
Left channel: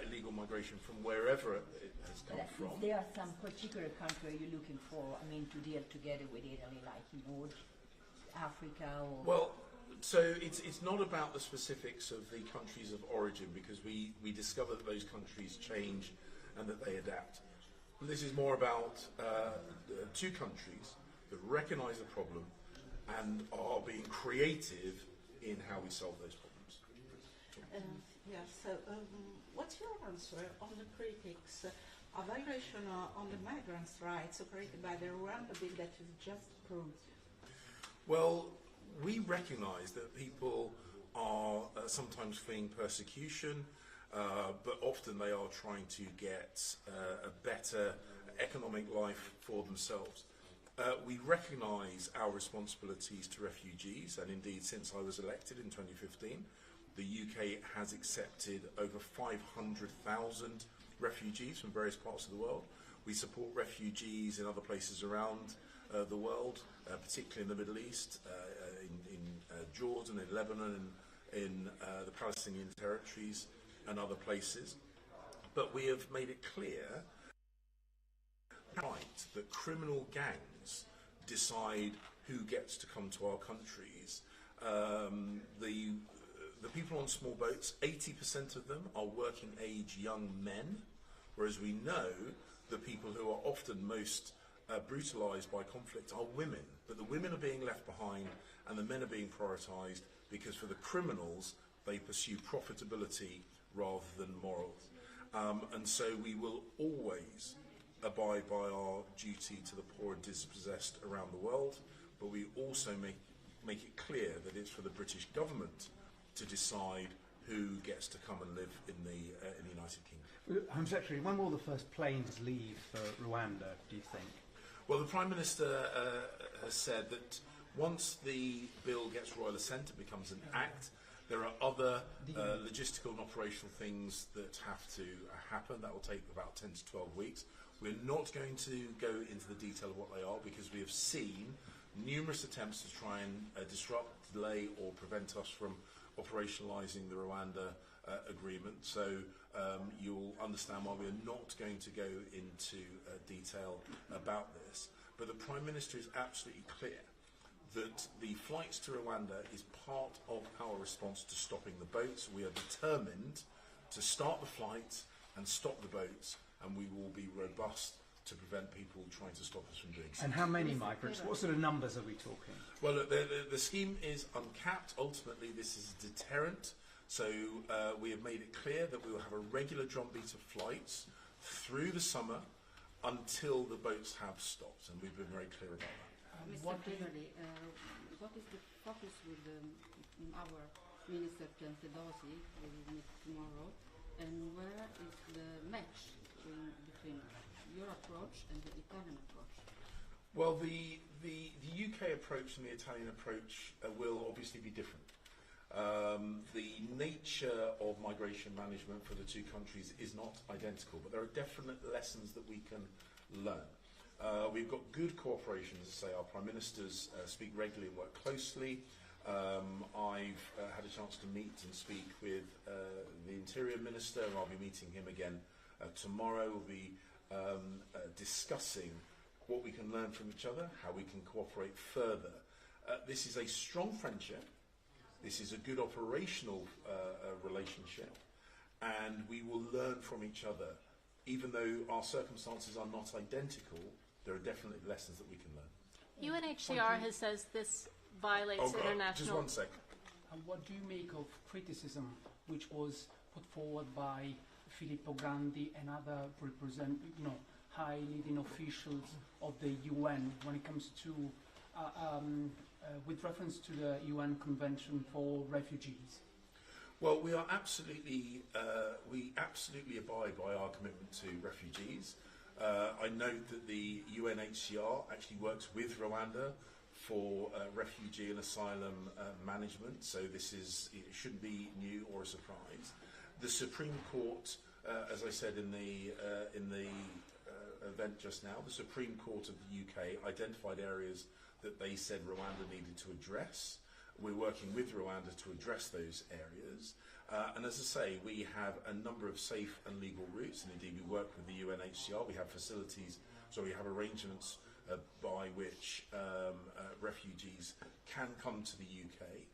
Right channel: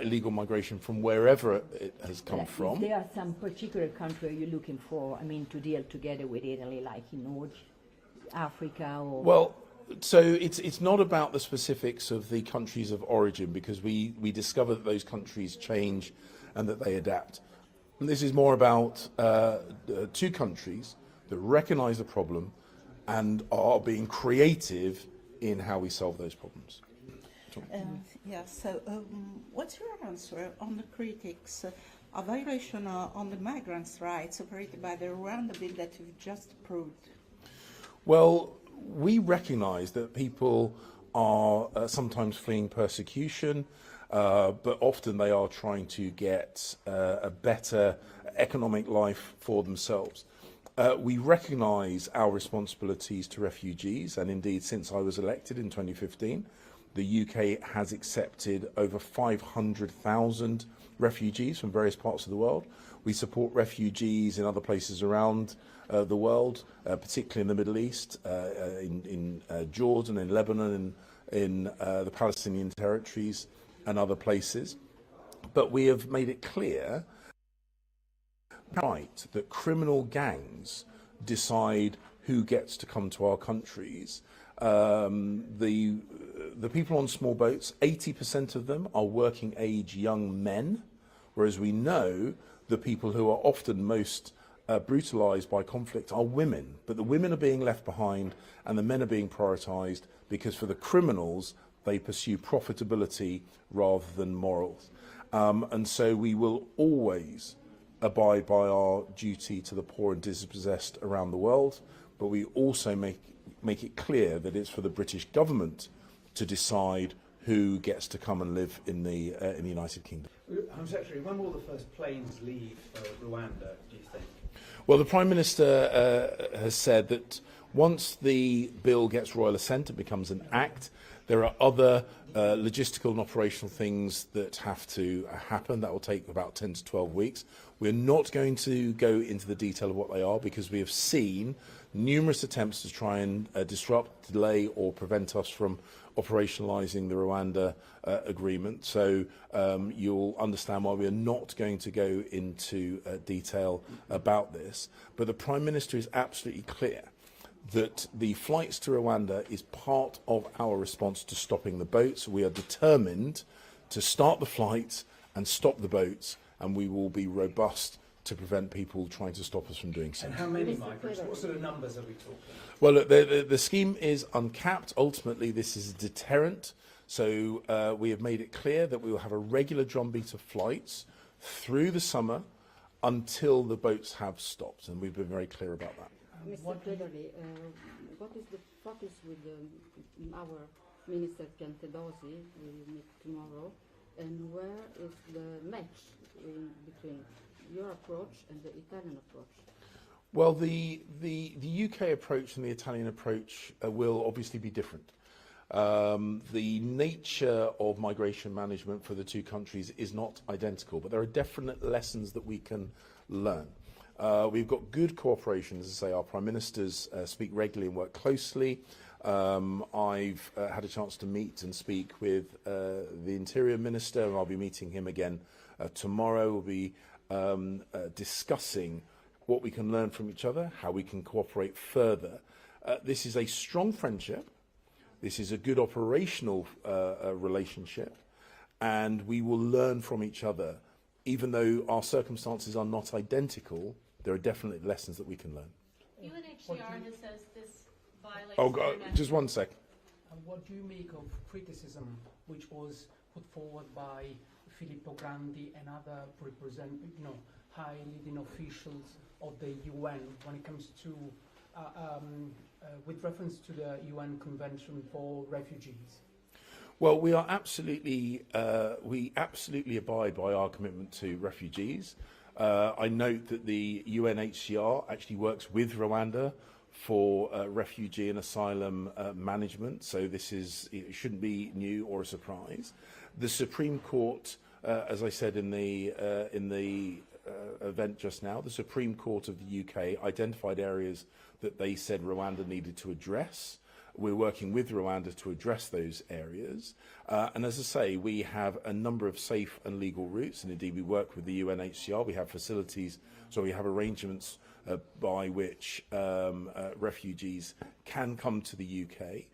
illegal migration from wherever it has come from. If there are some particular country you're looking for, I mean, to deal together with Italy, like in North Africa or... Well, so it's not about the specifics of the countries of origin, because we discover that those countries change and that they adapt. And this is more about two countries that recognise the problem and are being creative in how we solve those problems. Yes, so what's your answer on the critics of violation on the migrants' rights operated by the Rwanda bill that you've just approved? Well, we recognise that people are sometimes fleeing persecution, but often they are trying to get a better economic life for themselves. We recognise our responsibilities to refugees, and indeed since I was elected in 2015, the UK has accepted over 500,000 refugees from various parts of the world. We support refugees in other places around the world, particularly in the Middle East, in Jordan, in Lebanon, in the Palestinian territories and other places. But we have made it clear that criminal gangs decide who gets to come to our countries. The people on small boats, 80% of them are working age young men, whereas we know the people who are often most brutalised by conflict are women. But the women are being left behind and the men are being prioritised because for the criminals, they pursue profitability rather than morals. And so we will always abide by our duty to the poor and dispossessed around the world, but we also make it clear that it's for the British government to decide who gets to come and live in the United Kingdom. Home Secretary, when will the first planes leave for Rwanda, do you think? Well, the Prime Minister has said that once the bill gets royal assent and becomes an act, there are other logistical and operational things that have to happen. That will take about 10 to 12 weeks. We're not going to go into the detail of what they are because we have seen numerous attempts to try and disrupt, delay or prevent us from operationalising the Rwanda agreement. So you'll understand why we are not going to go into detail about this. But the Prime Minister is absolutely clear that the flights to Rwanda is part of our response to stopping the boats. We are determined to start the flights and stop the boats, and we will be robust to prevent people trying to stop us from doing so. And how many migrants? What sort of numbers are we talking? Well, look, the scheme is uncapped. Ultimately, this is a deterrent. So we have made it clear that we will have a regular drumbeat of flights through the summer until the boats have stopped, and we've been very clear about that. Mr. Cleverly, what is the focus with our Minister Piantedosi, we will meet tomorrow, and where is the match between your approach and the Italian approach? Well, the UK approach and the Italian approach will obviously be different. The nature of migration management for the two countries is not identical, but there are definite lessons that we can learn. We've got good cooperation, as I say, our Prime Ministers speak regularly and work closely. I've had a chance to meet and speak with the Interior Minister, and I'll be meeting him again tomorrow. We'll be discussing what we can learn from each other, how we can cooperate further. This is a strong friendship. This is a good operational relationship, and we will learn from each other. Even though our circumstances are not identical, there are definitely lessons that we can learn. UNHCR has says this violates international... Just one sec. What do you make of criticism which was put forward by Filippo Grandi and other high leading officials of the UN when it comes to, with reference to the UN Convention for Refugees? Well, we absolutely abide by our commitment to refugees. I note that the UNHCR actually works with Rwanda for refugee and asylum management, so it shouldn't be new or a surprise. The Supreme Court, as I said in the event just now, the Supreme Court of the UK identified areas that they said Rwanda needed to address. We're working with Rwanda to address those areas. And as I say, we have a number of safe and legal routes, and indeed we work with the UNHCR. We have facilities, so we have arrangements by which refugees can come to the UK.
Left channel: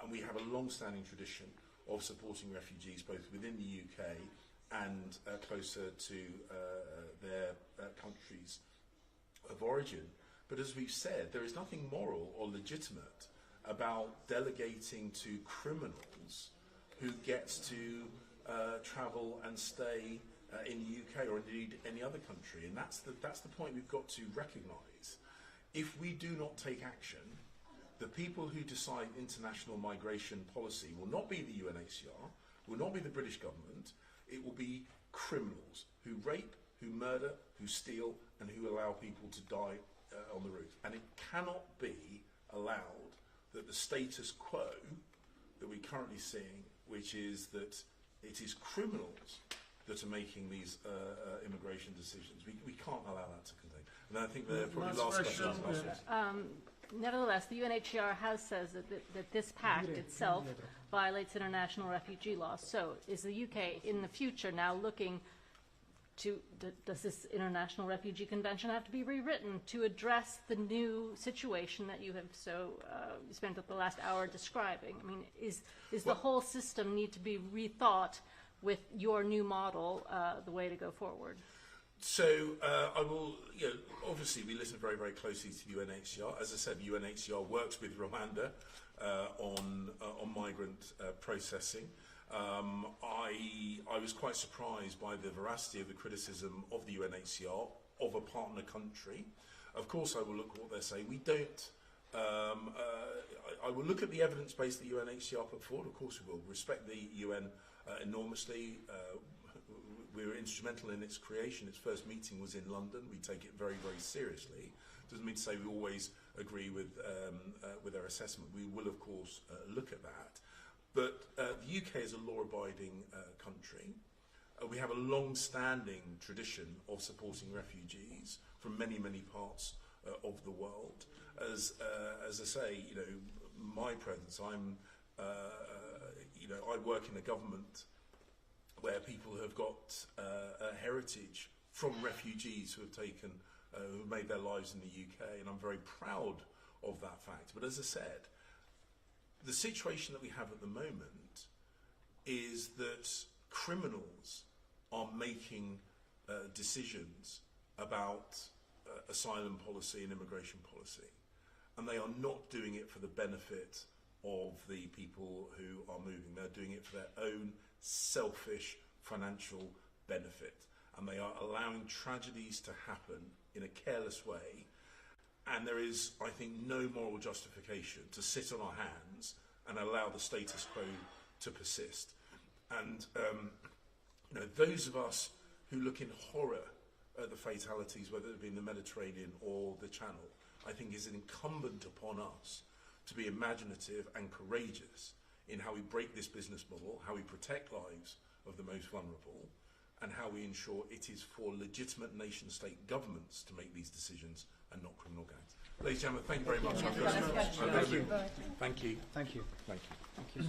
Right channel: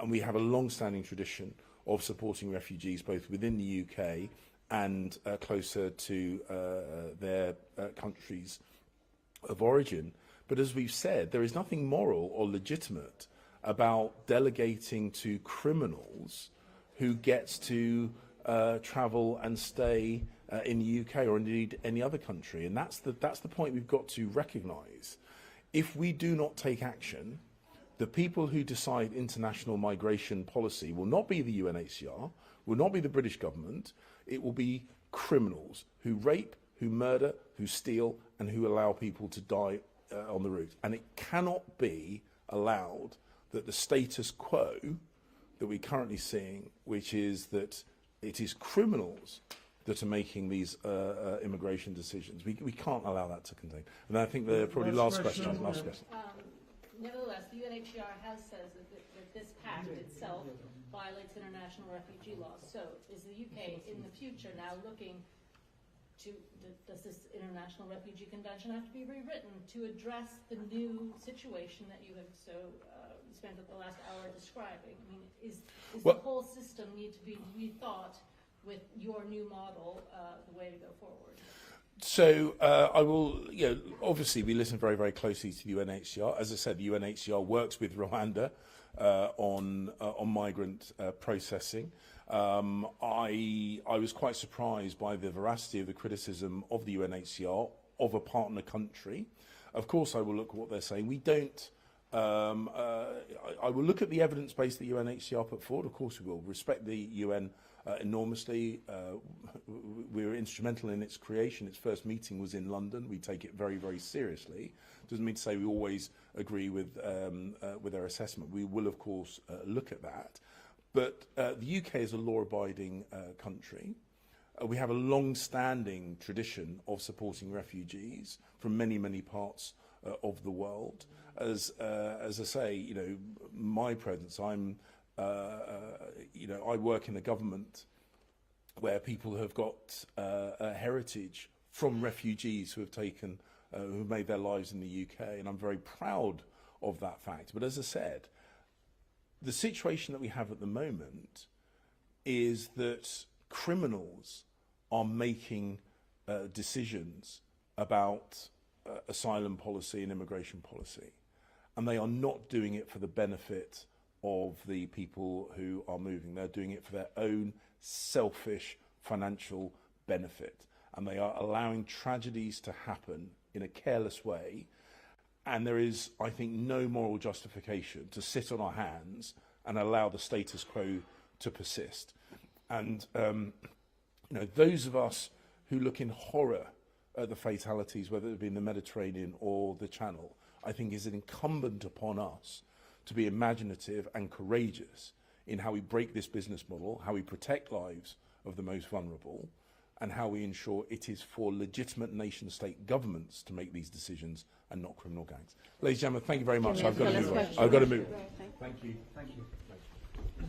And we have a long-standing tradition of supporting refugees both within the UK and closer to their countries of origin. But as we've said, there is nothing moral or legitimate about delegating to criminals who gets to travel and stay in the UK or indeed any other country. And that's the point we've got to recognise. If we do not take action, the people who decide international migration policy will not be the UNHCR, will not be the British government, it will be criminals who rape, who murder, who steal, and who allow people to die on the route. And it cannot be allowed that the status quo that we're currently seeing, which is that it is criminals that are making these immigration decisions. We can't allow that to continue. And I think the probably last question. Nevertheless, the UNHCR has said that this pact itself violates international refugee law. So is the UK in the future now looking to, does this International Refugee Convention have to be rewritten to address the new situation that you have so spent the last hour describing? I mean, is the whole system need to be rethought with your new model the way to go forward? So I will, obviously we listen very, very closely to the UNHCR. As I said, the UNHCR works with Rwanda on migrant processing. I was quite surprised by the veracity of the criticism of the UNHCR of a partner country. Of course, I will look at what they're saying. We don't. I will look at the evidence base that UNHCR put forward. Of course, we will respect the UN enormously. We were instrumental in its creation. Its first meeting was in London. We take it very, very seriously. Doesn't mean to say we always agree with their assessment. We will, of course, look at that. But the UK is a law-abiding country. We have a long-standing tradition of supporting refugees from many, many parts of the world. As I say, my presence, I work in a government where people have got a heritage from refugees who have made their lives in the UK, and I'm very proud of that fact. But as I said, the situation that we have at the moment is that criminals are making decisions about asylum policy and immigration policy, and they are not doing it for the benefit of the people who are moving. They're doing it for their own selfish financial benefit, and they are allowing tragedies to happen in a careless way. And there is, I think, no moral justification to sit on our hands and allow the status quo to persist. And those of us who look in horror at the fatalities, whether it be in the Mediterranean or the Channel, I think is incumbent upon us to be imaginative and courageous in how we break this business model, how we protect lives of the most vulnerable, and how we ensure it is for legitimate nation-state governments to make these decisions and not criminal gangs. Ladies and gentlemen, thank you very much. I've got to move. Thank you. Thank you. Thank you.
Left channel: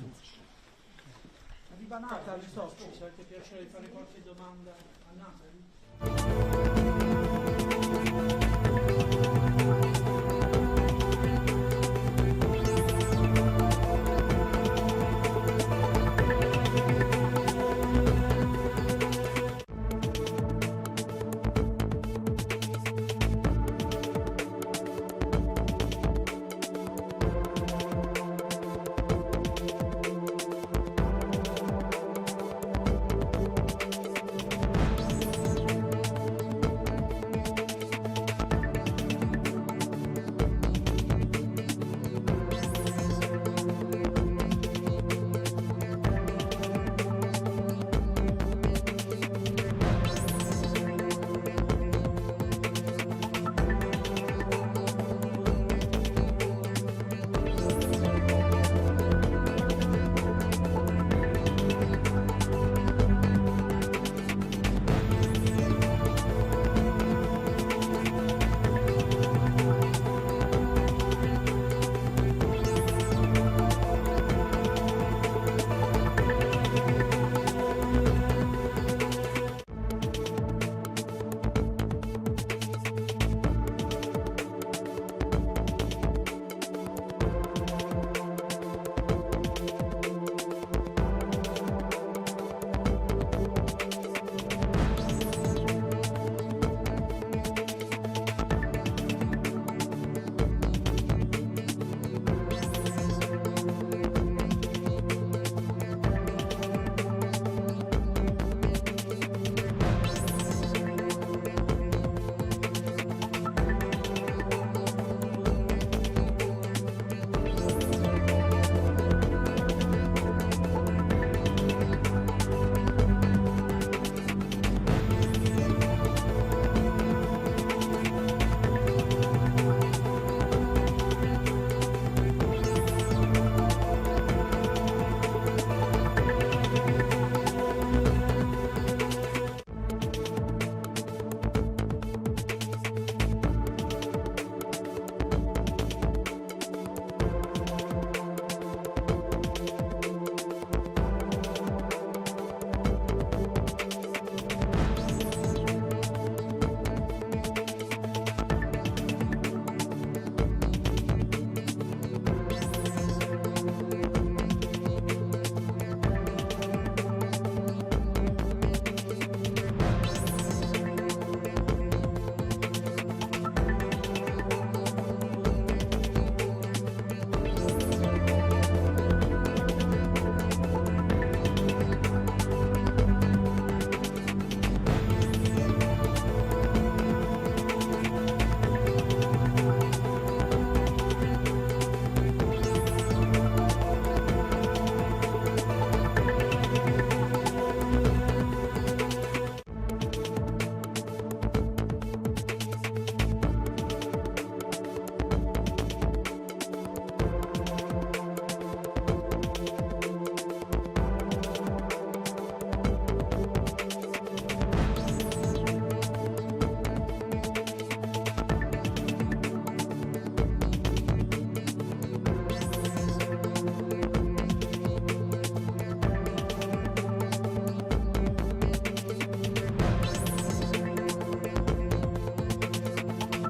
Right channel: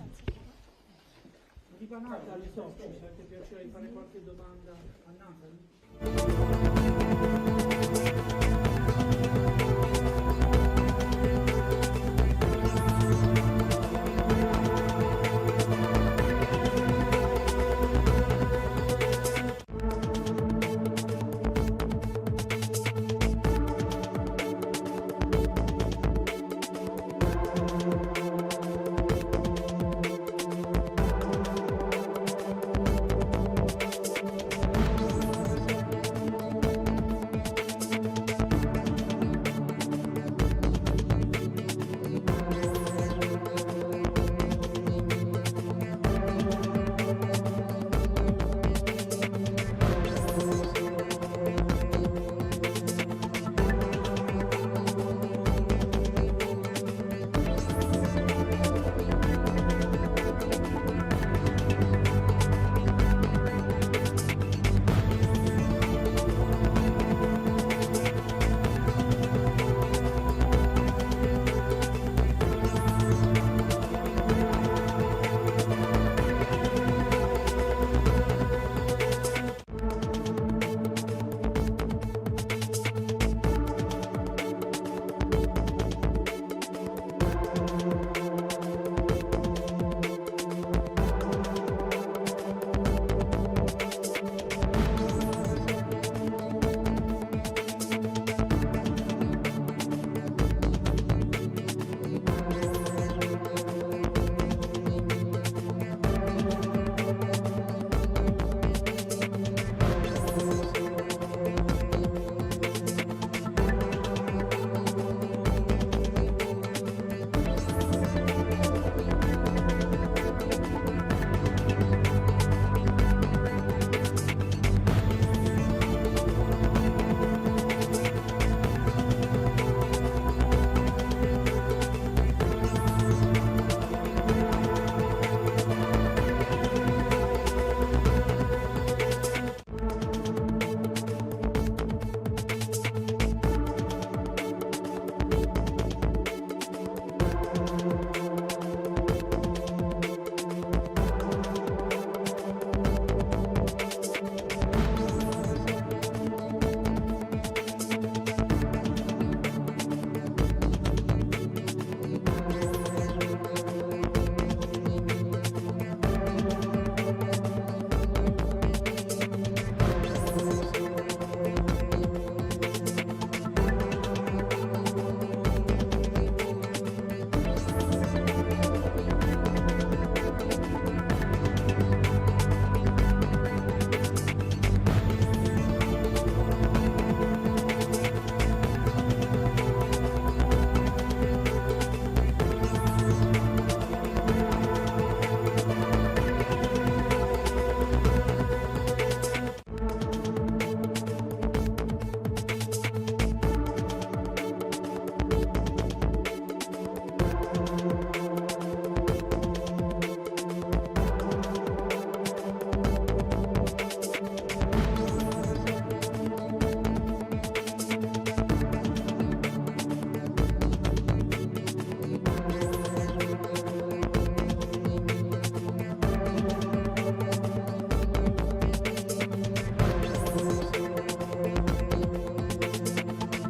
Arriva Nathan, le so, c'è anche piacere di fare qualche domanda a Nathan?